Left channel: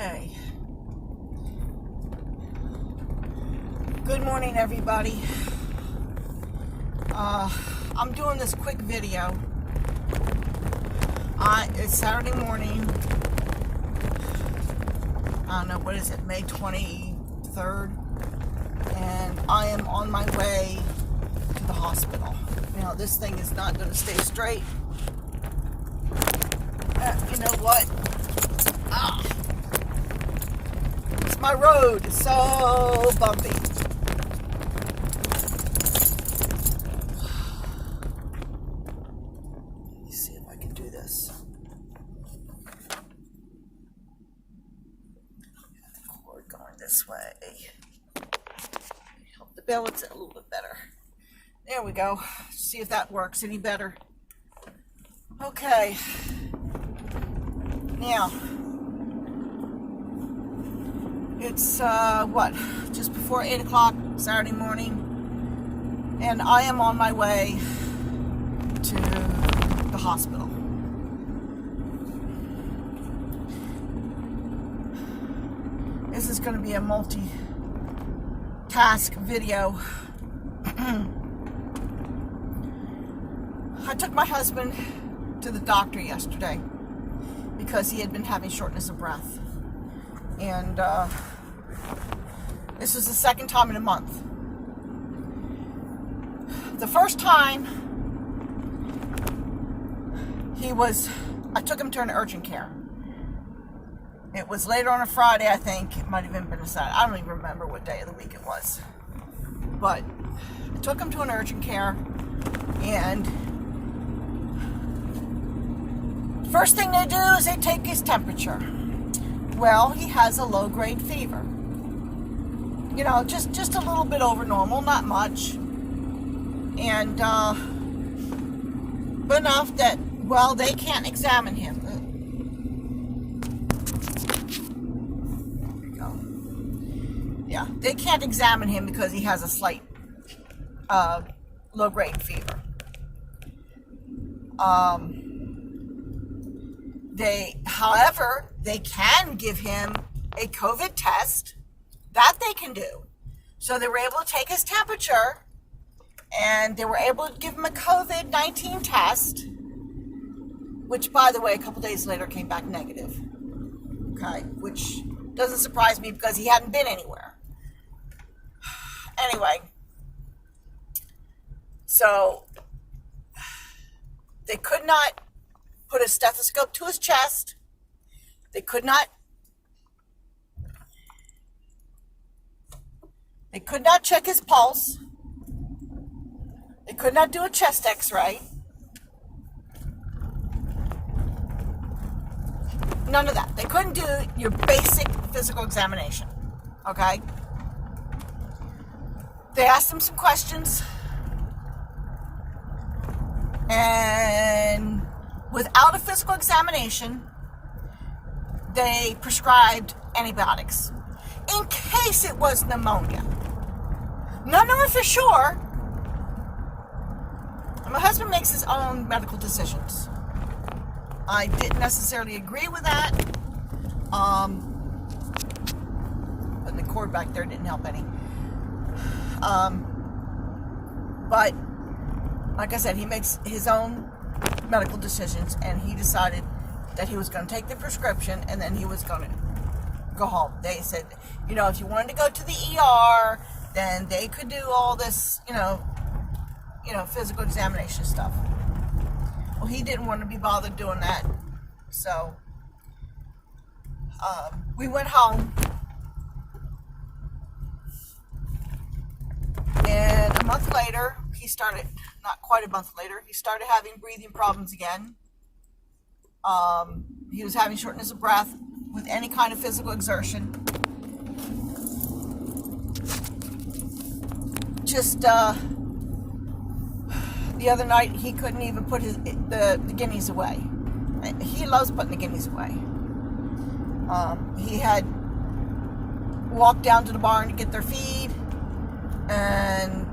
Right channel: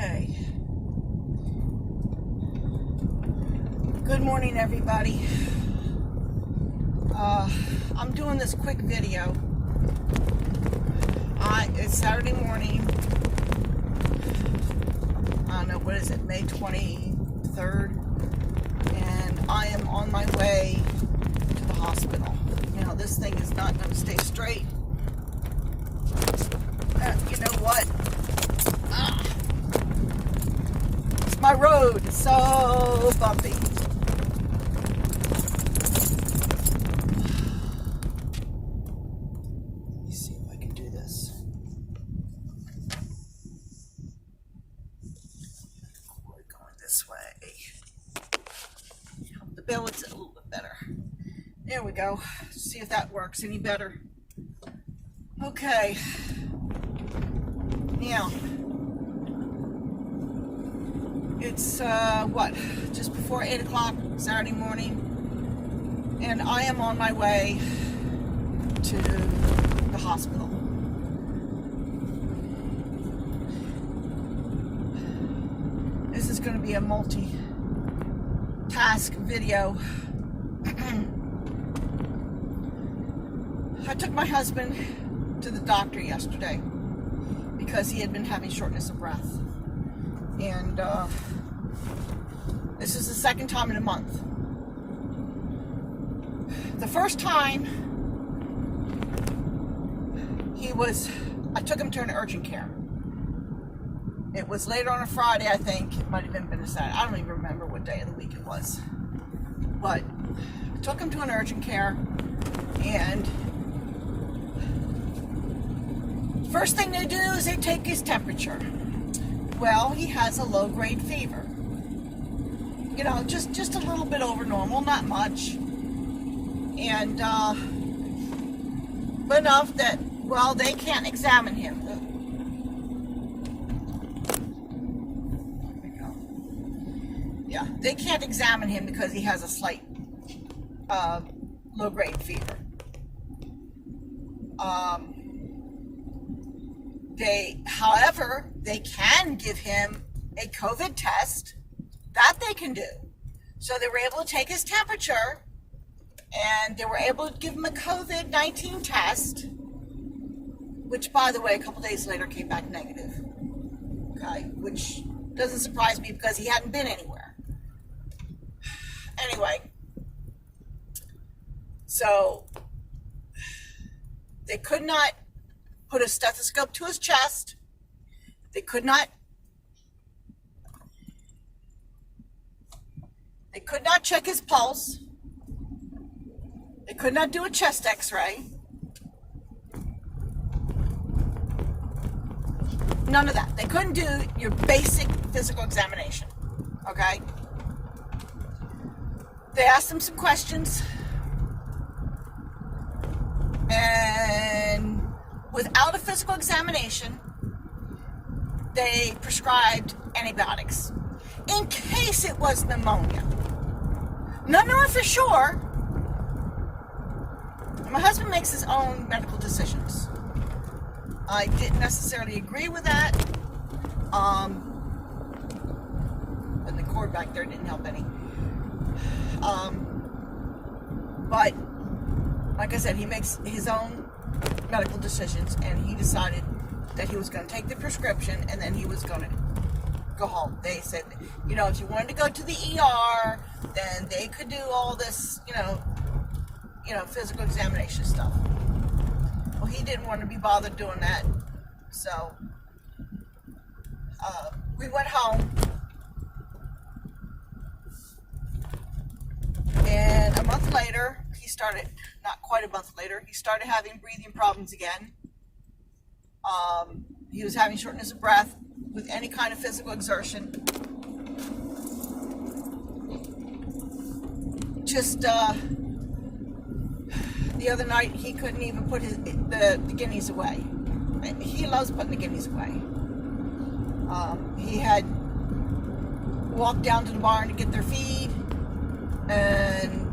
Okay. Good morning, everybody. I'm doing this quick video. It's Saturday morning. I don't know, what is it, May 23rd? And I am on my way to the hospital. You know, this thing is not going to stay straight. You know what? My road is so bumpy. Let me see if I can do this. The cord going this way. Help the balance it a little bit better. There we go. See if that works any better. Okay. Now, it's, just before 8 o'clock Saturday morning, and I am on my way to the hospital. This is going to be a multi-task video. I took my husband to the doctor yesterday because he had been having shortness of breath. And this is the second time in a month. The first time I took him to an urgent care. It was later on a Friday, I think. It might have even been a Saturday. I don't even remember what day of the week it was. But I took him to an urgent care, and first thing they do is they take his temperature. Well, he has a low-grade fever. You know, just a little bit over normal, not much. And, but enough that, well, they can't examine him. There we go. Yeah, they can't examine him because he has a slight low-grade fever. However, they can give him a COVID test. That they can do. So they were able to take his temperature, and they were able to give him a COVID-19 test, which, by the way, a couple days later came back negative. Okay, which doesn't surprise me because he hadn't been anywhere. Anyway, so they could not put a stethoscope to his chest. They could not check his pulse. They could not do a chest x-ray. None of that. They couldn't do your basic physical examination. Okay? They asked him some questions. And without a physical examination, they prescribed antibiotics in case it was pneumonia. Not knowing for sure. My husband makes his own medical decisions. I didn't necessarily agree with that. And the cord back there didn't help any. But like I said, he makes his own medical decisions, and he decided that he was going to take the prescription and then he was going to go home. They said, you know, if you wanted to go to the ER, then they could do all this, you know, physical examination stuff. Well, he didn't want to be bothered doing that, so we went home, and a month later, not quite a month later, he started having breathing problems again. He was having shortness of breath with any kind of physical exertion. Just the other night, he couldn't even put the guineas away. He loves putting the guineas away. He had walked down to the barn to get their feed, and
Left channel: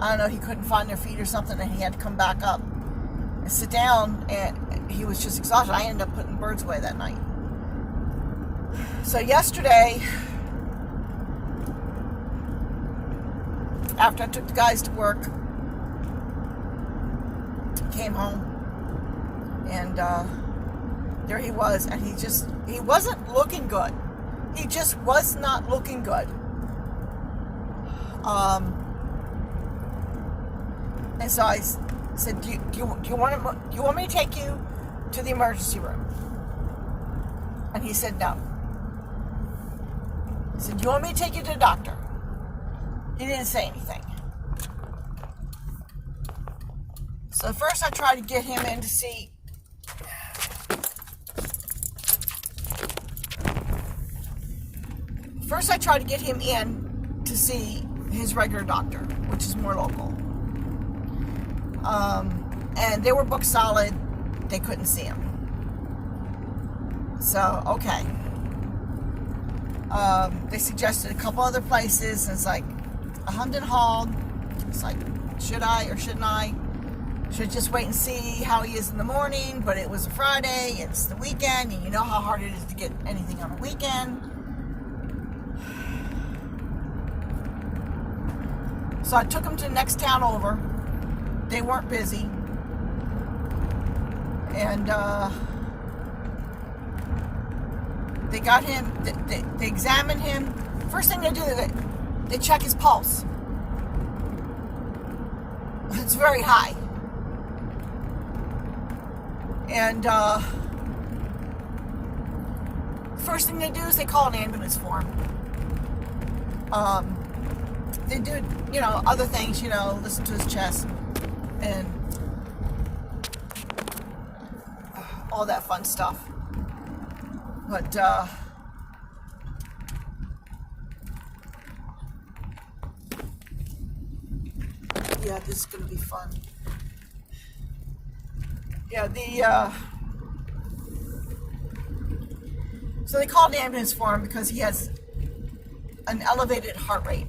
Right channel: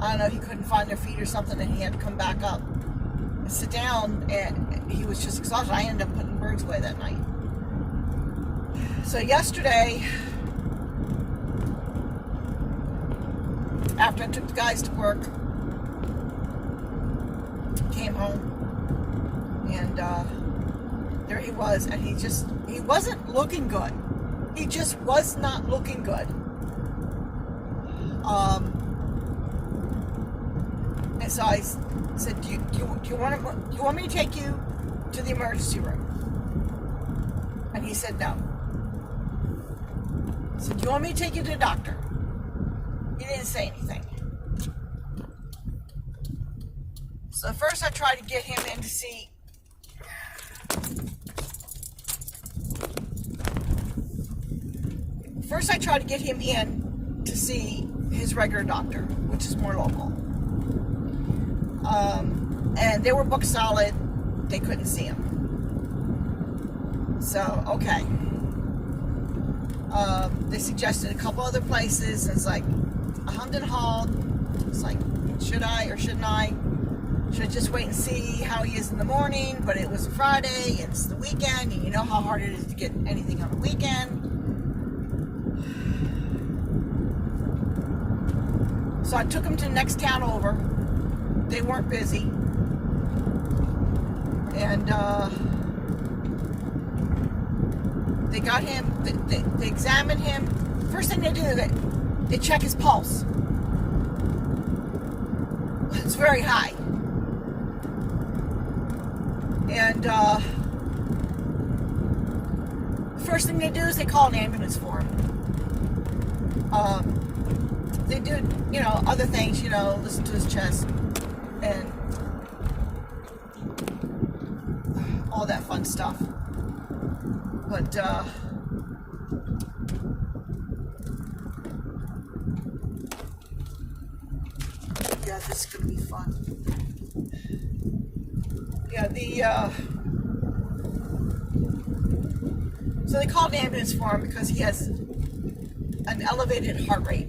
I don't know, he couldn't find their feet or something, and he had to come back up and sit down, and he was just exhausted. I ended up putting birds away that night. So yesterday, after I took the guys to work, came home, and there he was, and he wasn't looking good. He just was not looking good. And so I said, do you want me to take you to the emergency room? And he said no. I said, do you want me to take you to the doctor? He didn't say anything. So first I tried to get him in to see his regular doctor, which is more local. And they were booked solid. They couldn't see him. So, okay. They suggested a couple other places. It's like Hamden Hall. It's like, should I or shouldn't I? Should I just wait and see how he is in the morning? But it was a Friday. It's the weekend. And you know how hard it is to get anything on a weekend. So I took him to the next town over. They weren't busy. And they got him, they examined him. First thing they do is they check his pulse. It's very high. And first thing they do is they call an ambulance for him. They do, other things, listen to his chest and all that fun stuff. But, yeah, this is going to be fun. Yeah, so they called an ambulance for him because he has an elevated heart rate.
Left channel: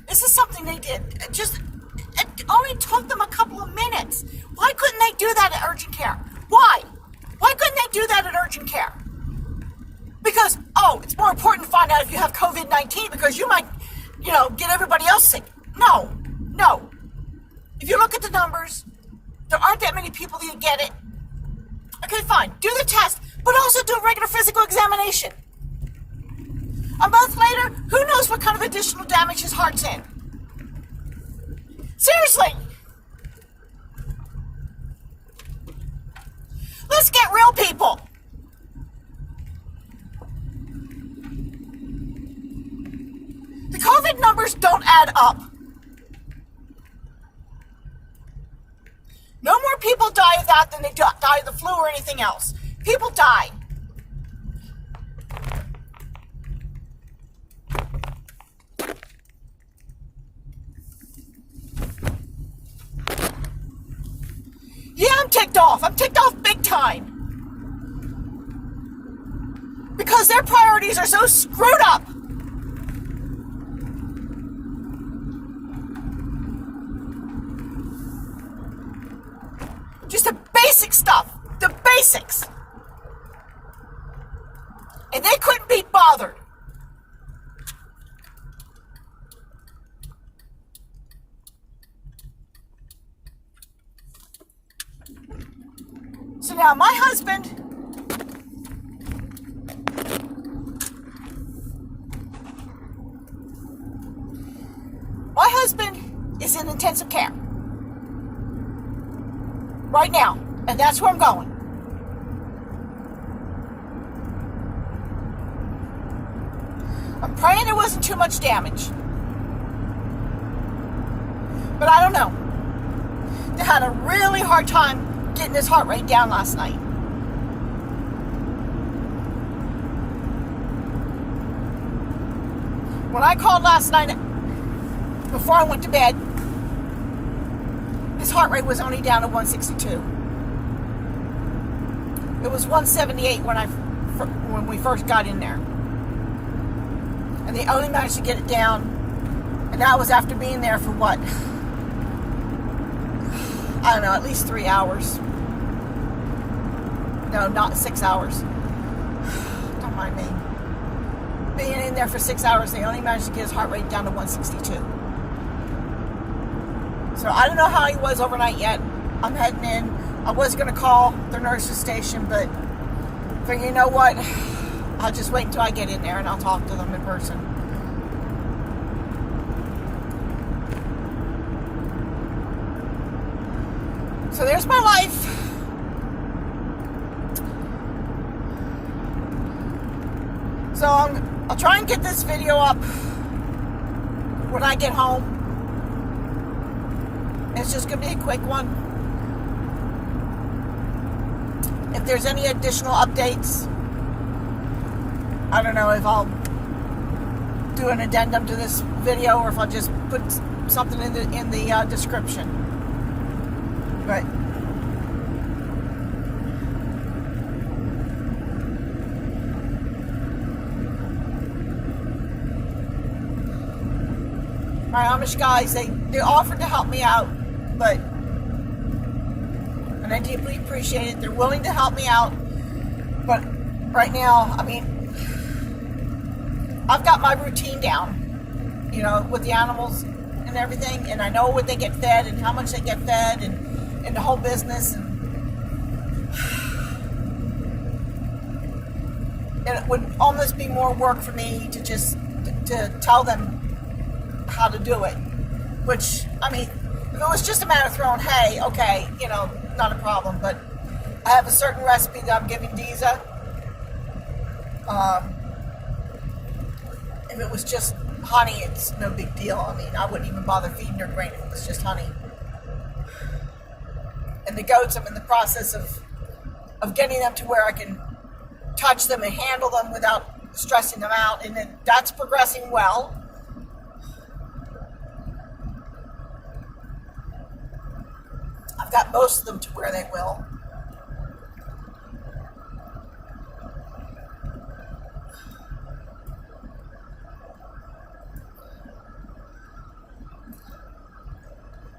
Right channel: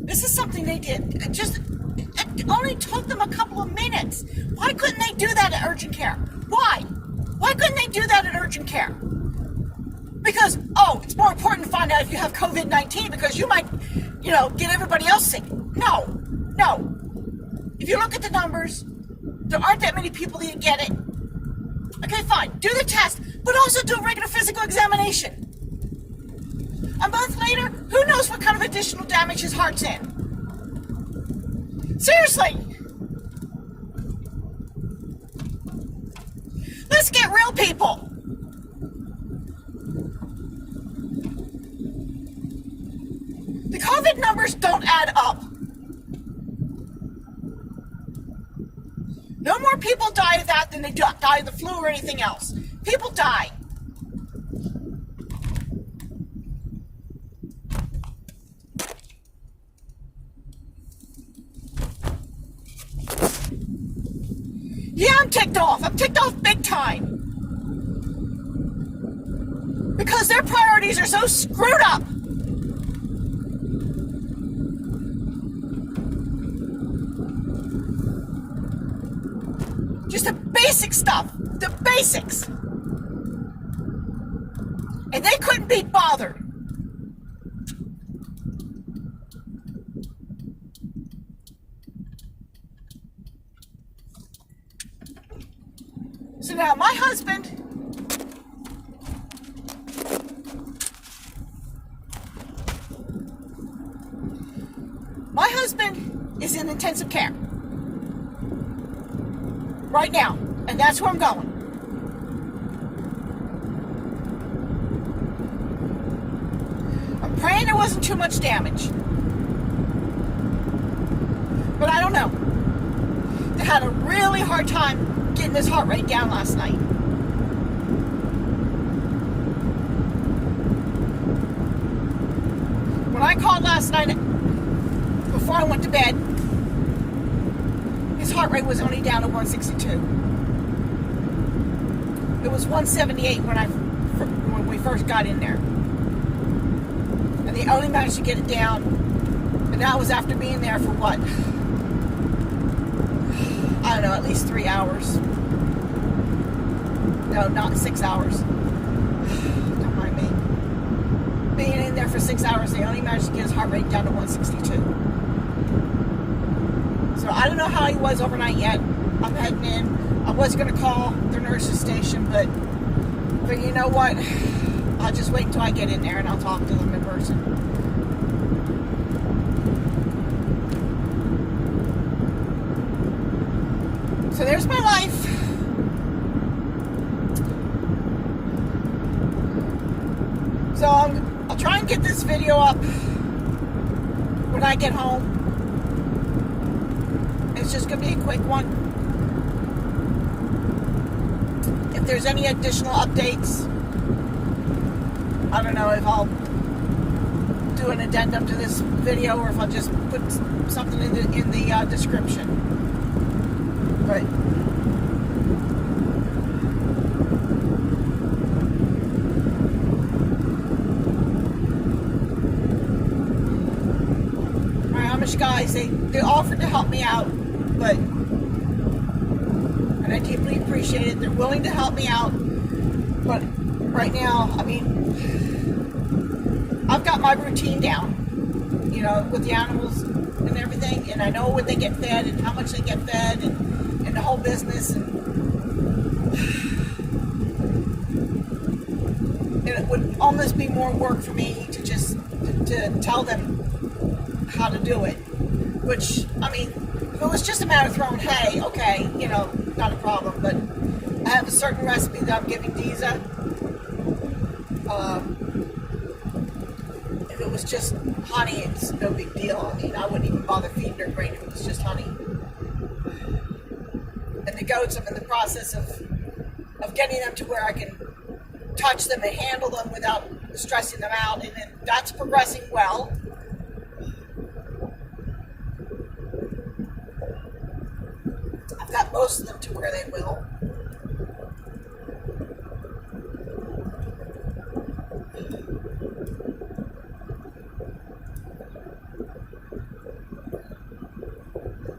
This is something they did. It only took them a couple of minutes. Why couldn't they do that at urgent care? Why? Why couldn't they do that at urgent care? Because, it's more important to find out if you have COVID-19 because you might, get everybody else sick. No. If you look at the numbers, there aren't that many people that get it. Okay, fine. Do the test, but also do a regular physical examination. A month later, who knows what kind of additional damage his heart's in? Seriously. Let's get real, people. The COVID numbers don't add up. No more people die of that than they die of the flu or anything else. People die. Yeah, I'm ticked off. I'm ticked off big time. Because their priorities are so screwed up. Just the basic stuff. The basics. And they couldn't be bothered. So now my husband is in intensive care right now, and that's where I'm going. I'm praying there wasn't too much damage, but I don't know. They had a really hard time getting his heart rate down last night. When I called last night, before I went to bed, his heart rate was only down to 162. It was 178 when we first got in there. And they only managed to get it down, and that was after being there for what? I don't know, at least 3 hours. No, not 6 hours. Don't mind me. Being in there for 6 hours, they only managed to get his heart rate down to 162. So I don't know how he was overnight yet. I'm heading in. I was going to call the nurse's station, but you know what? I'll just wait until I get in there and I'll talk to them in person. So there's my life. So I'll try and get this video up when I get home. It's just going to be a quick one. If there's any additional updates, I don't know if I'll do an addendum to this video or if I'll just put something in the description. But my Amish guys, they offered to help me out, but, and I deeply appreciate it. They're willing to help me out, but right now, I mean, I've got my routine down, you know, with the animals and everything, and I know what they get fed and how much they get fed and the whole business, and it would almost be more work for me to just to tell them how to do it, which, I mean, if it was just a matter of throwing hay, okay, you know, not a problem, but I have a certain recipe that I'm giving Deeza. If it was just honey, it's no big deal. I mean, I wouldn't even bother feeding her grain if it was just honey. And the goats, I'm in the process of getting them to where I can touch them and handle them without stressing them out, and that's progressing well. I've got most of them to where they will.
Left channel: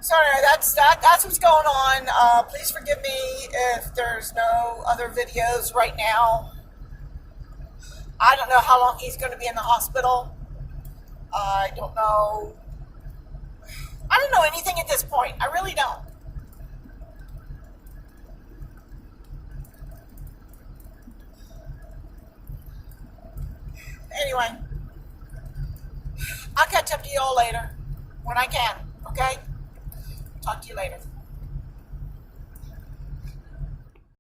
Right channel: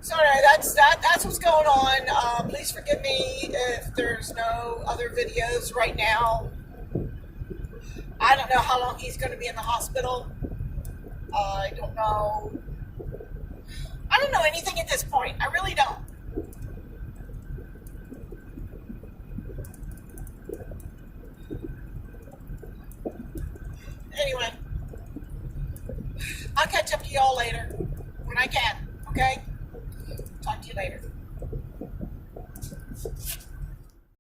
So anyway, that's what's going on. Please forgive me if there's no other videos right now. I don't know how long he's going to be in the hospital. I don't know. I don't know anything at this point. I really don't. Anyway, I'll catch up to y'all later when I can, okay? Talk to you later.